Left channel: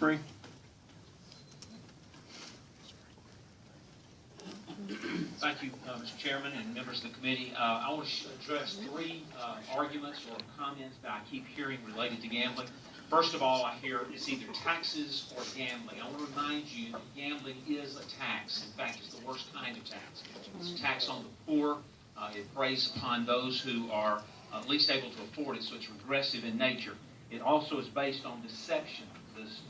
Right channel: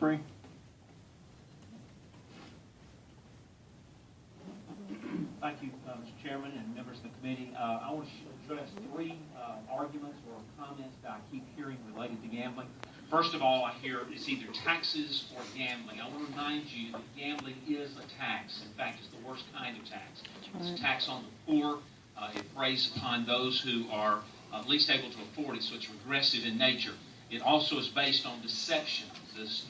3. Thank you, Mr. Chairman and members of the committee. I want to address 3 arguments or comments that I keep hearing related to gambling. First of all, I hear it's either taxes or gambling. I want to remind you that gambling is a tax. In fact, it's the worst kind of tax. It's a tax on the poor. It preys upon those who are least able to afford it, so it's regressive in nature. It also is based on deception.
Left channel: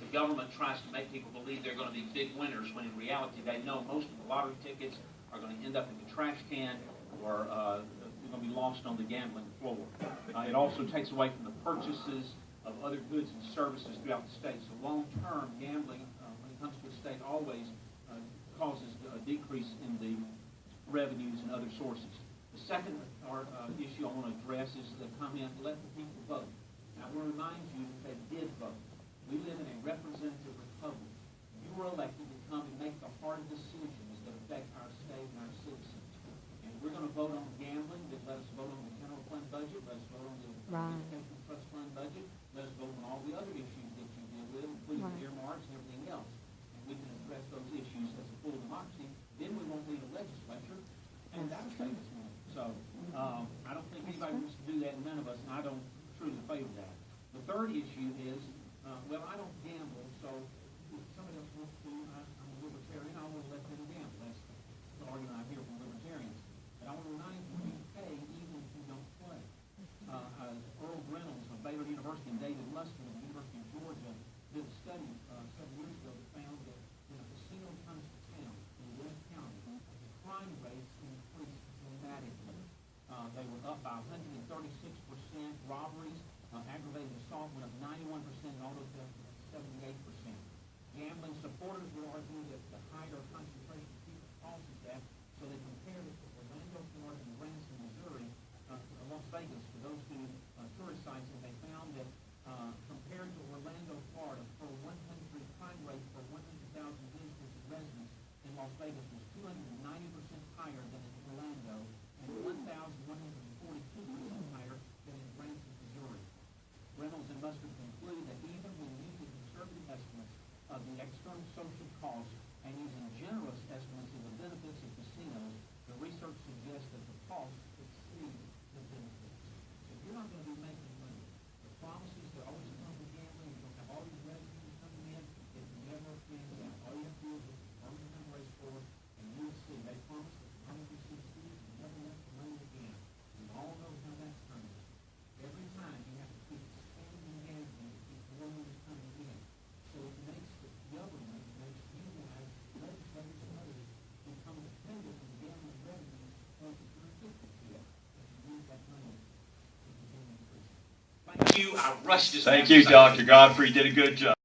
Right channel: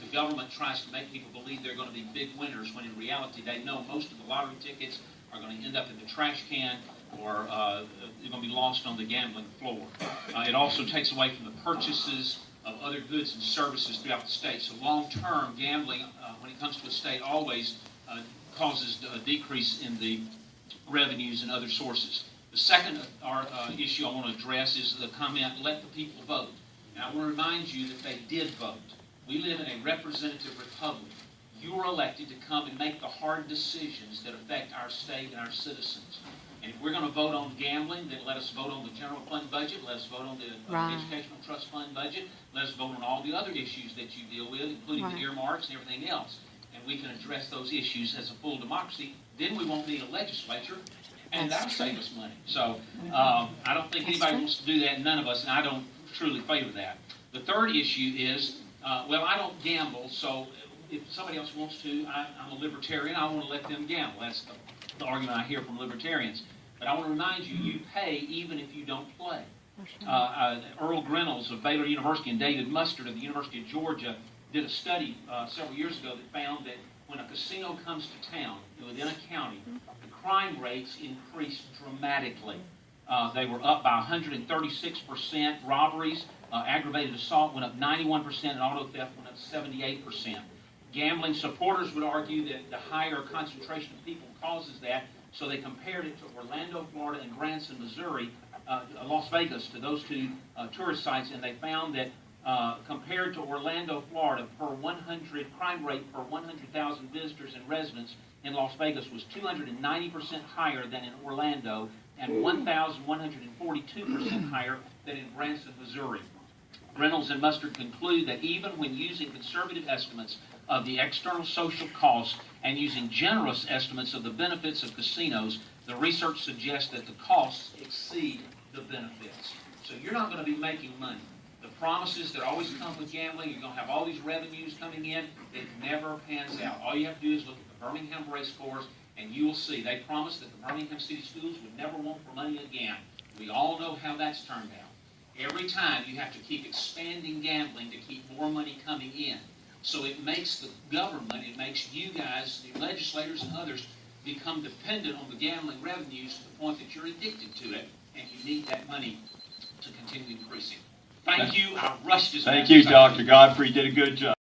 The government tries to make people believe they're going to be big winners when in reality they know most of the lottery tickets are going to end up in the trash can or they're going to be lost on the gambling floor. It also takes away from the purchases of other goods and services throughout the state. So long-term gambling, when it comes to a state, always causes a decrease in the revenues and other sources. The second issue I want to address is the comment, let the people vote. And I want to remind you that they did vote. We live in a representative republic. You are elected to come and make the hard decisions that affect our state and our citizens. And if we're going to vote on gambling, then let us vote on the general fund budget, let us vote on the educational trust fund budget, let us vote on all the other issues that you deal with, including the earmarks and everything else. And we can address those issues as a full democracy. Then we won't need a legislature, and that'll save us money. So I don't think anybody wants to do that, none of us, and I don't truly favor that. The third issue is, well, I don't gamble, so if somebody else wants to, I'm a libertarian, I want to let them gamble. That's the argument I hear from libertarians. But I want to remind you, you pay even if you don't play. Earl Grinnells of Baylor University and David Mustard of the University of Georgia did a study several years ago that found that when a casino comes to town, within a county, the crime rates increased dramatically. They were up by 136%. Robberies, aggravated assault went up 91%, and auto theft went up 78%. Gambling supporters would argue that the higher concentration of people causes that, so they compared it to Orlando, Florida, and Branson, Missouri, Las Vegas, to those 2 tourist sites, and they found that compared to Orlando, Florida, crime rate per 100,000 visitors and residents in Las Vegas was 290% higher than in Orlando and 1,142% higher than in Branson, Missouri. Reynolds and Mustard conclude that even when using conservative estimates of the external social costs and using generous estimates of the benefits of casinos, the research suggests that the costs exceed the benefits. So you're not going to be making money. The promises that always come with gambling, you're going to have all these revenues coming in, it never pans out. All you have to do is look at the Birmingham race course, and you will see they promised that the Birmingham City Schools would never want for money again. We all know how that's turned out. Every time you have to keep expanding gambling to keep more money coming in. So it makes the government, it makes you guys, the legislators and others, become dependent on the gambling revenues to the point that you're addicted to it, and you need that money to continue increasing. Thank you. I rushed this. Thank you, Dr. Godfrey. You did a good job.